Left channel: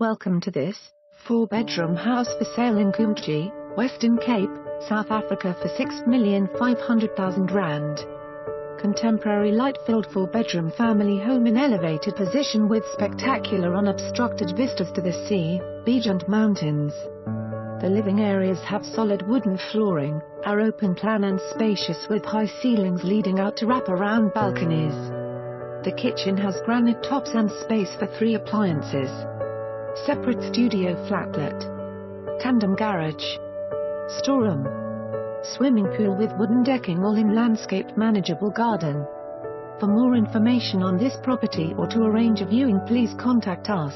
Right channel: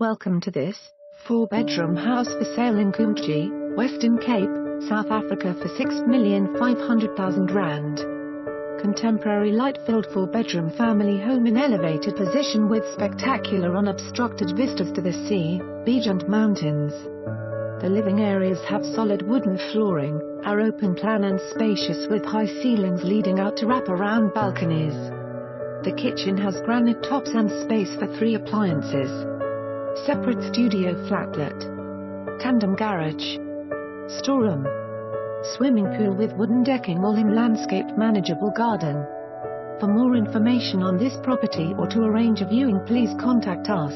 Welcome to this 4-bedroom house for sale in Kumtji, Western Cape, South Africa for R6,500,000. Contemporary light-filled 4-bedroom family home in elevated position with spectacular unobstructed vistas to the sea, beach and mountains. The living areas have solid wooden flooring, are open plan and spacious with high ceilings leading out to wrap-around balconies. The kitchen has granite tops and space for 3 appliances. Separate studio flatlet. Tandem garage. Storeroom. Swimming pool with wooden decking all in landscaped manageable garden. For more information on this property or to arrange a viewing, please contact us.